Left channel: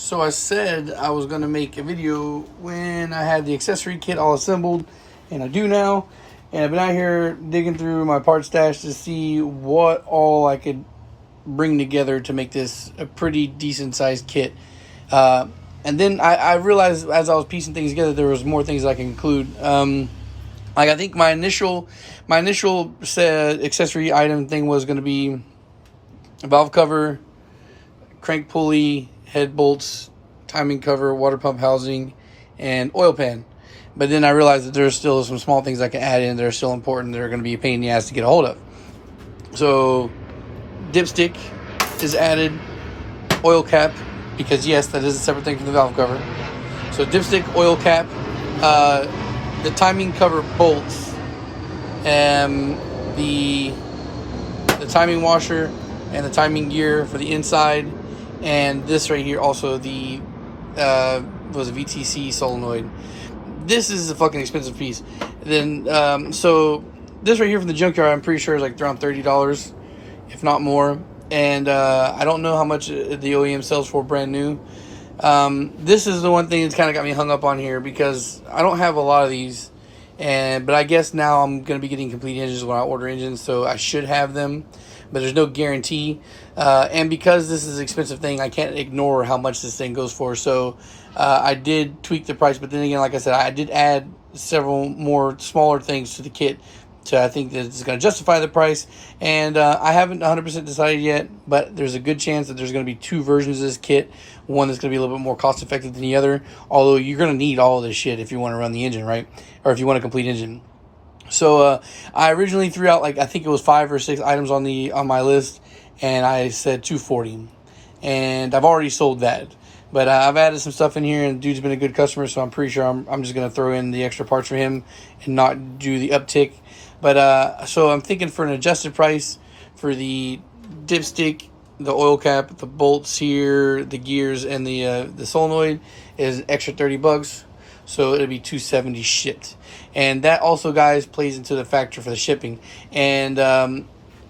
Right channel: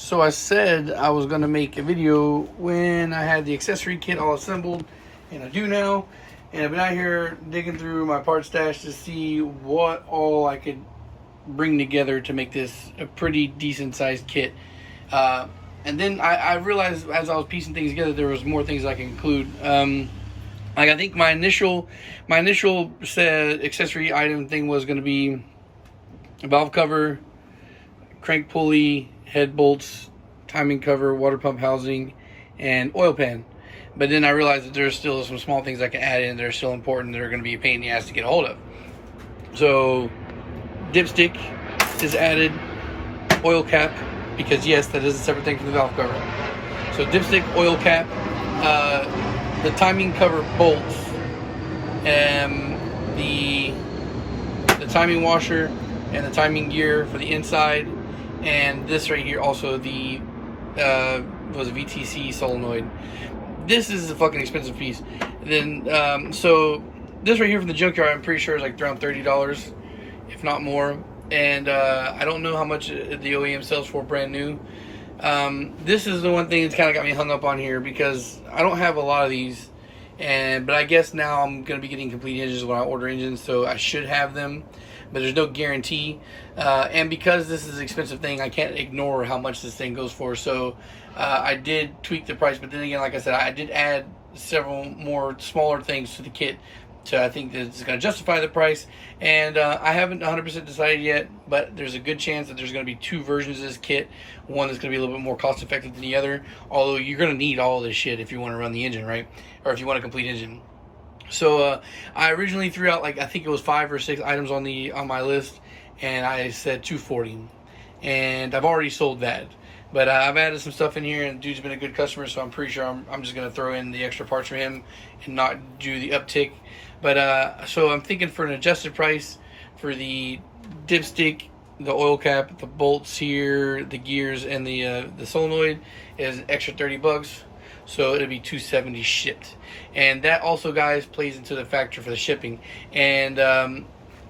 So I said I was going to make a video when I had the accessory kit all assembled, and I do now. And I've been out here digging through my part stash to see what all I could bring together to make this a pretty decent sized kit. And then I realized as I was piecing things together, there was more things I can include. Like I think my initial accessory item thing was going to be a valve cover, crank pulley, head bolts, timing cover, water pump housing, and oil pan. But then I realized that there's still some small things I can add in that are still important that are going to be a pain in the ass to get a hold of. So dipstick is added, oil cap, because yes, that is a separate thing from the valve cover. So dipstick, oil cap, the timing cover bolts, the timing washer, and the timing gear for the inside, and this right here also the was a VTC solenoid. This is a fucking expensive piece. Then so this right here from the junkyard, I'm pretty sure is like around $30, if not more. And I don't know how much the OEM sells for brand new. This is the one thing that's kind of got me hung up on here because I don't have a lot of these, but I guess now I'm gonna be getting complete engines when I order engines, so I should have them, but there's no guarantee. And because this is an expensive thing, I can't ignore how much this thing goes for. So I did tweak the price, but then again, like I said, I did add several more smaller things to the kit. So I think that it's going to justify the price, and I haven't 100% decided yet, but there's a good chance that there's going to be two versions of this kit, one that's going to be a little bit more cost effective than the other, although you're going to need all of this shit if you want to run the engine, right? Or if you want a complete engine. So I originally threw out, like, I think it was 5 or 6 items on my list, and I said 240, and I've already sold that. But I've added some stuff in here, and the dude's been a good customer, so I'm pretty sure I'm just going to throw in the extra parts for him and not do the uptick. But so I'm thinking for an adjusted price for the dipstick, the oil cap, the bolts here, the gears, and the solenoid is extra $30. So it'll be $270 shipped. And that also, guys, plays into the factor for the shipping. And you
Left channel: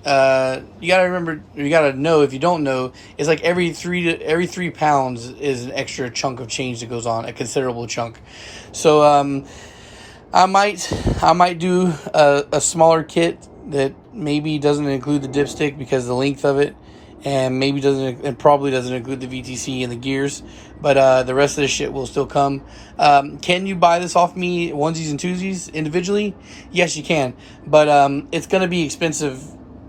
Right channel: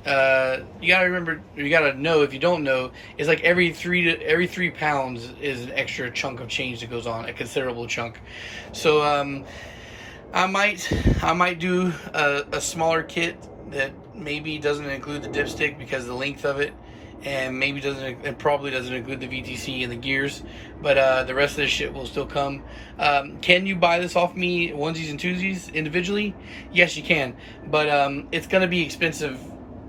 gotta remember, you gotta know, if you don't know, it's like every 3 pounds is an extra chunk of change that goes on, a considerable chunk. So I might do a smaller kit that maybe doesn't include the dipstick because of the length of it, and probably doesn't include the VTC and the gears, but the rest of the shit will still come. Can you buy this off me onesies and twosies individually? Yes, you can, but it's gonna be expensive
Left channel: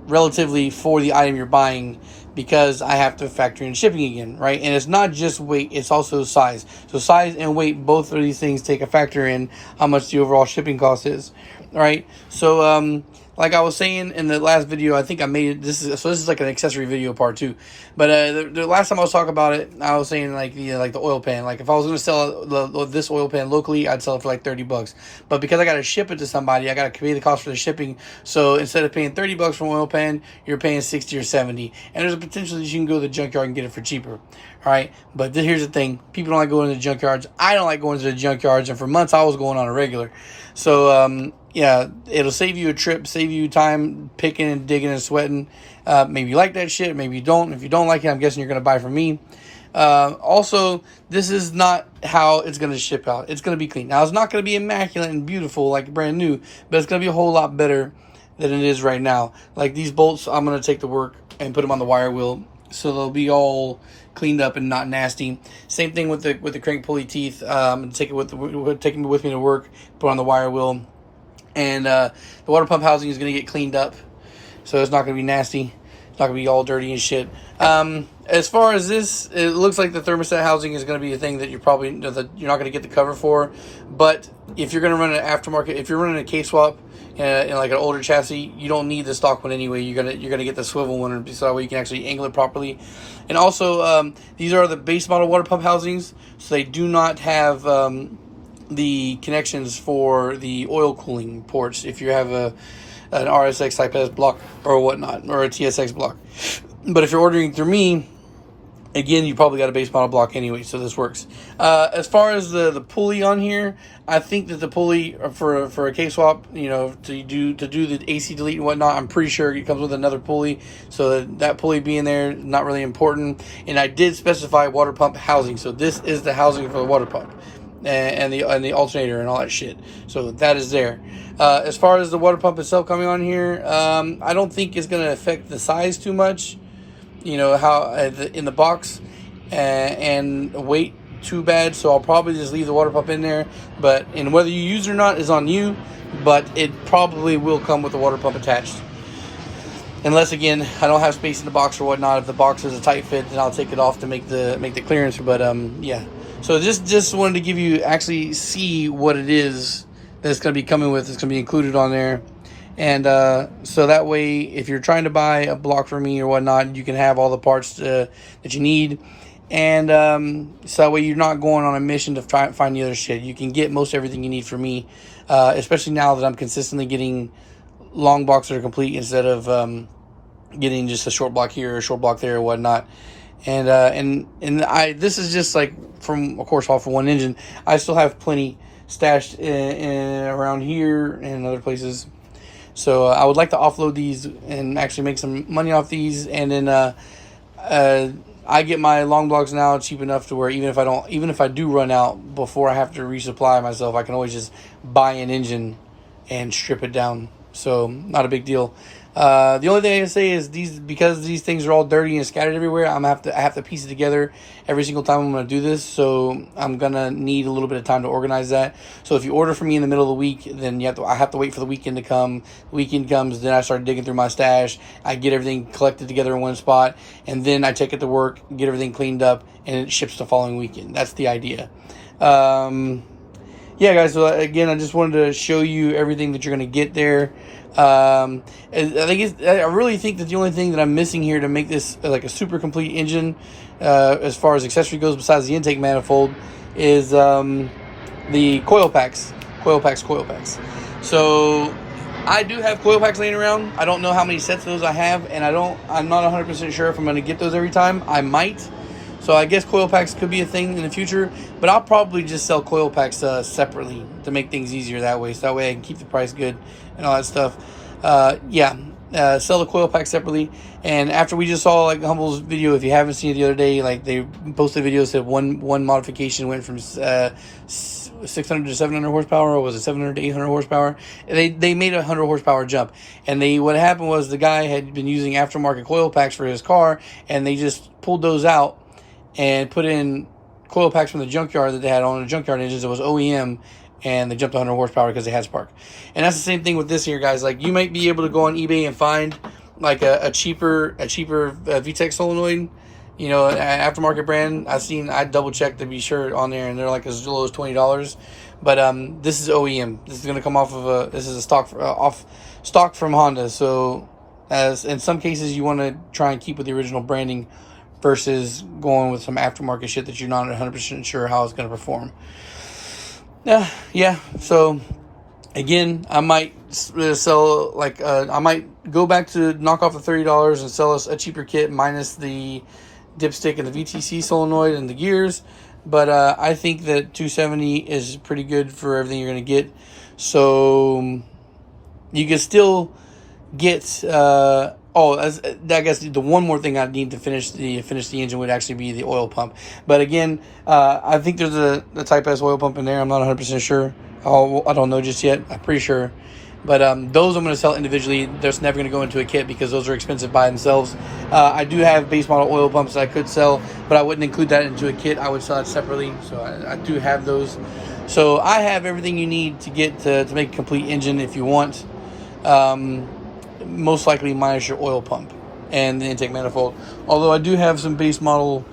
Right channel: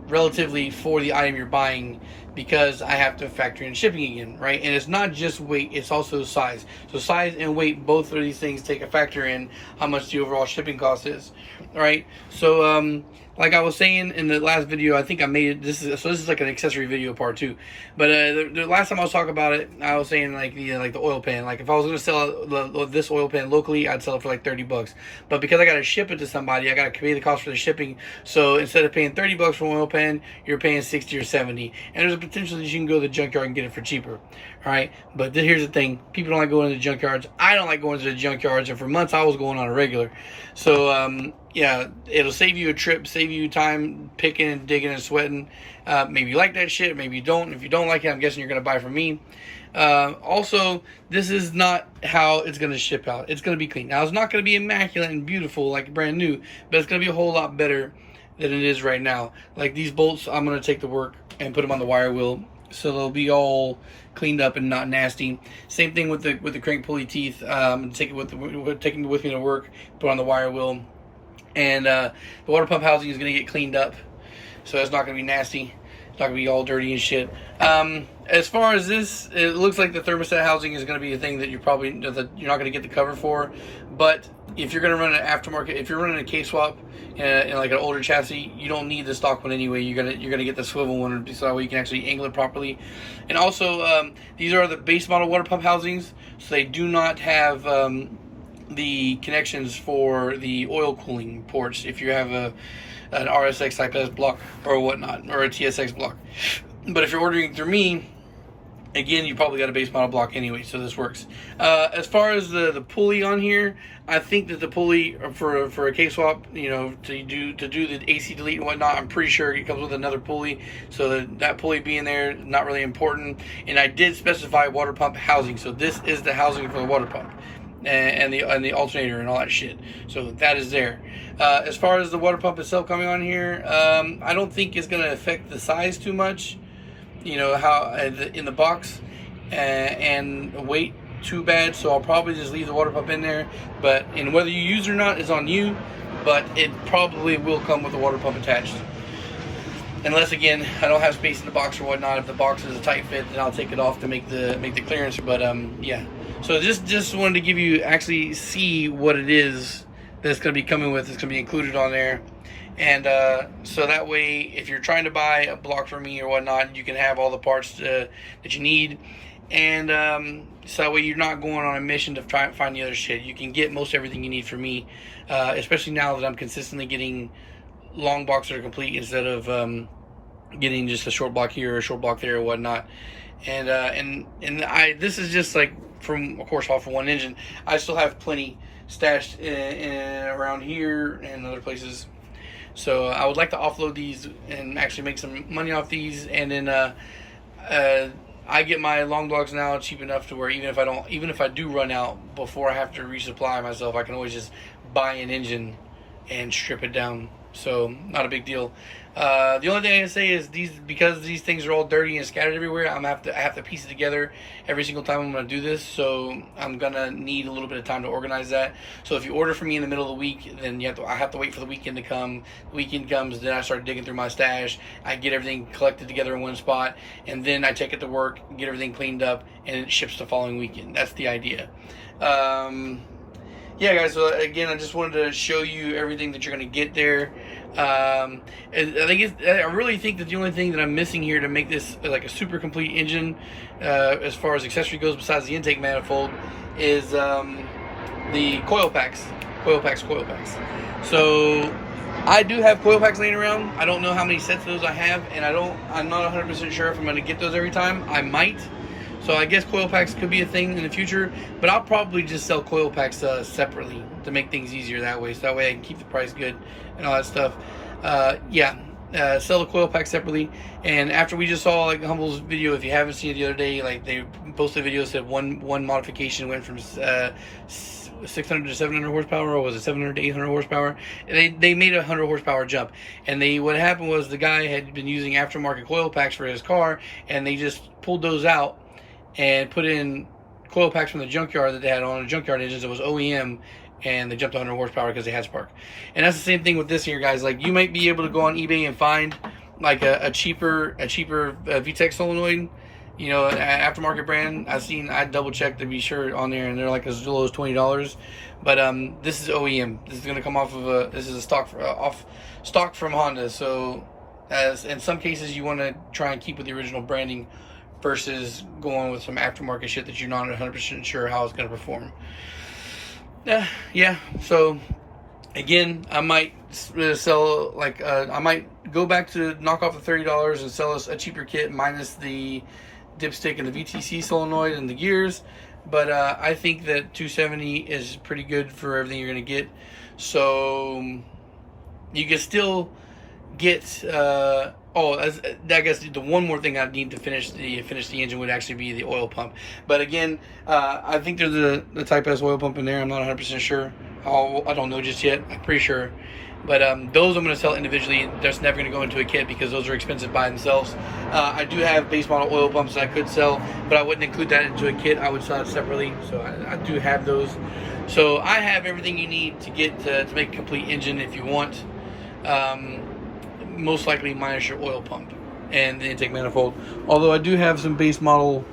relatively for the item you're buying, because I have to factor in shipping again, right? And it's not just weight, it's also size. So size and weight, both of these things take a factor in how much the overall shipping cost is, right? So like I was saying in the last video, I think I made it, this is like an accessory video part 2. But the last time I was talking about it, I was saying like, you know, like the oil pan. Like if I was going to sell this oil pan locally, I'd sell it for like $30. But because I got to ship it to somebody, I got to pay the cost for the shipping. So instead of paying $30 for an oil pan, you're paying 60 or 70. And there's a potential that you can go to the junkyard and get it for cheaper. All right. But here's the thing. People don't like going to the junkyards. I don't like going to the junkyards. And for months, I was going on a regular. So, yeah, it'll save you a trip, save you time picking and digging and sweating. Maybe you like that shit, maybe you don't. If you don't like it, I'm guessing you're going to buy from me. Also, this is not how it's going to ship out. It's going to be clean. Now, it's not going to be immaculate and beautiful like brand new, but it's going to be a whole lot better than it is right now. Like these bolts, I'm going to take to work and put them on the wire wheel, so they'll be all cleaned up and not nasty. Same thing with the crank pulley teeth. Take it with me to work, put on the wire wheel. And the water pump housing is going to get cleaned up, so it's not going to be nasty. It's not going to be all dirty and shit. As far as this, it looks like the thermostat housing is going to be a thing that you're not going to get the cover for. But if you're going to run an aftermarket, if you're running a K-swap in like an older chassis, you don't need the stock one anyway. You're gonna get the swivel one, so that way you can actually angle it properly. And also, these are the base model water pump housings, so they do not have the connections for the oil cooling ports if you have an RSX Type S block or whatnot, or a TSX block. But if you're ordering through me, Again, you probably got a base model block anyway, so this works. As far as the pulley on here, I think that the pulley for a K-swap, you know, to do the AC delete and whatnot, I'm pretty sure it comes with another pulley. So that pulley being there is not really important. And I did specify water pump housing, so this is the housing for the water pump and the alternator and all that shit. So that is there. As far as the water pump itself coming on here, I don't think it's going to affect the size too much. You know, how in the box and weight too bad, so I'll probably just leave the water pump in there. But and whether you use it or not is on you, but it probably will come with the water pump attached, unless again I don't have space in the box or whatnot. If the box is a tight fit, then I'll take it off to make the clearance. But yeah, so just wanted to give you actually see what it is that's going to be coming with. It's going to be included on there. And so that way, if you're trying to buy a block from me or whatnot, you can have all the parts that you need. And so that way you're not going on a mission to try and find the other shit. You can get most everything you need from me, especially now that I'm consistently getting long blocks that are complete instead of getting just a short block here or a short block there or whatnot. And this is just like from, of course, all for one engine. I still have plenty stashed around here and other places. So I would like to offload these and actually make some money off these. And then I get my long blocks now cheap enough to where even if I do run out before I have to resupply myself, I can always just buy an engine and strip it down. So not a big deal. The only thing I can say is because these things are all dirty and scattered everywhere, I have to piece it together every single time I'm going to do this. So I'm going to need a little bit of time to organize that. So if you order from me in the middle of the week, then I have to wait for the weekend to come. The weekend comes, then I start digging through my stash. I get everything collected together in one spot, and then I take it to work, get everything cleaned up, and it ships the following weekend. That's the idea. Yeah, guys, so again, I just wanted to show you everything that you're going to get there. I really think that the only thing that I'm missing here to make this like a super complete engine, as far as accessory goes, besides the intake manifold, is the coil packs. So I do have coil packs laying around. I don't know how many sets of those I have, and I'm not 100% sure if I'm going to get those every time. I might. So I guess coil packs could be a thing in the future, but I'll probably just sell coil packs separately to make things easier that way. So that way I can keep the price good and all that stuff. Sell the coil pack separately. And after we just saw like Humble's video, if you haven't seen it the other day, like they posted a video that said one modification went from 600 to 700 horsepower, or was it 700 to 800 horsepower? They made a 100 horsepower jump. And what happened was the guy had been using aftermarket coil packs for his car, and they just pulled those out and put in coil packs from the junkyard that they had on the junkyard engines. It was OEM, and they jumped to 100 horsepower because they had spark. And that's the same thing with this here, guys. Like, you might be able to go on eBay and find like a cheaper VTEC solenoid, you know, an aftermarket brand. I double checked to be sure on there, and they're like as low as $20. But this is OEM. This is gonna come off of this is a stock from Honda. So as in some cases you want to try and keep with the original branding versus going with some aftermarket shit that you're not 100% sure how it's going to perform. Yeah. So again, I might sell I might go back to knock off the $30 and sell us a cheaper kit minus the dipstick and the VTC solenoid and the gears. But I think that 270 is pretty good for everything you're going to get. So you can still get I guess the one more thing I need to finish the engine would actually be the oil pump. But again, I think there's the Type S oil pump in there. I'm not 100% sure. I don't know just yet. I'm pretty sure. But those I'm going to sell individually. They're never going to go into a kit because those are expensive by themselves. I do have base model oil pumps that I could sell, but I wouldn't include that into a kit. I would sell it separately. So I do have those. So I have everything you need to get to make a complete engine if you want. Most likely minus your oil pump and the intake manifold. Although I do have some base model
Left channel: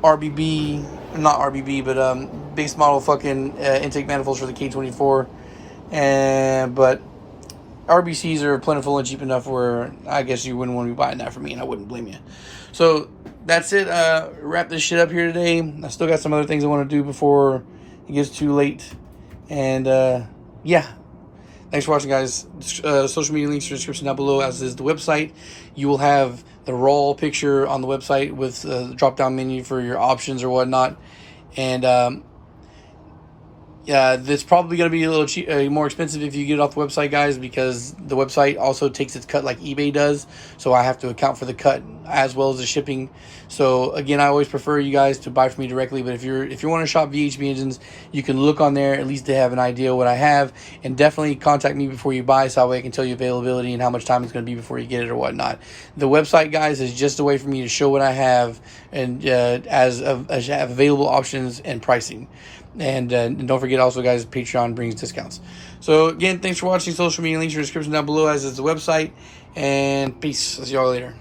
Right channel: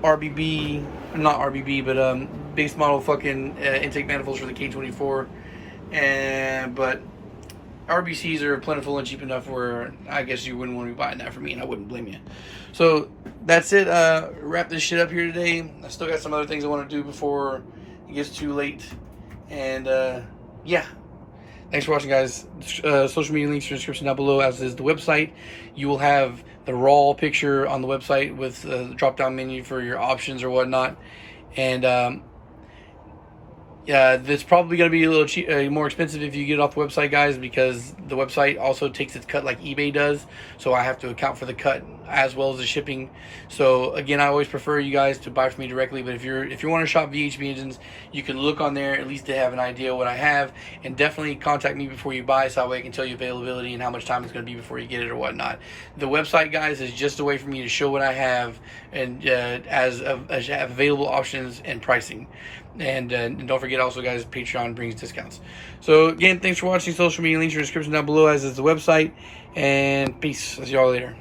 RBB, not RBB, but base model fucking intake manifolds for the K24. But RBCs are plentiful and cheap enough where I guess you wouldn't want to be buying that for me, and I wouldn't blame you. So that's it. Wrap this shit up here today. I still got some other things I want to do before it gets too late. And yeah. Thanks for watching, guys. Social media links in the description down below, as is the website. You will have the raw picture on the website with the drop down menu for your options or whatnot. And yeah, it's probably going to be a little more expensive if you get it off the website, guys, because the website also takes its cut like eBay does. So I have to account for the cut as well as the shipping. So again, I always prefer you guys to buy from me directly. But if you want to shop VHP engines, you can look on there at least to have an idea of what I have, and definitely contact me before you buy, so that way I can tell you availability and how much time it's going to be before you get it or whatnot. The website, guys, is just a way for me to show what I have and as available options and pricing. And don't forget also, guys, Patreon brings discounts. So again, thanks for watching. Social media links in the description down below, as is the website. And peace. I'll see y'all later.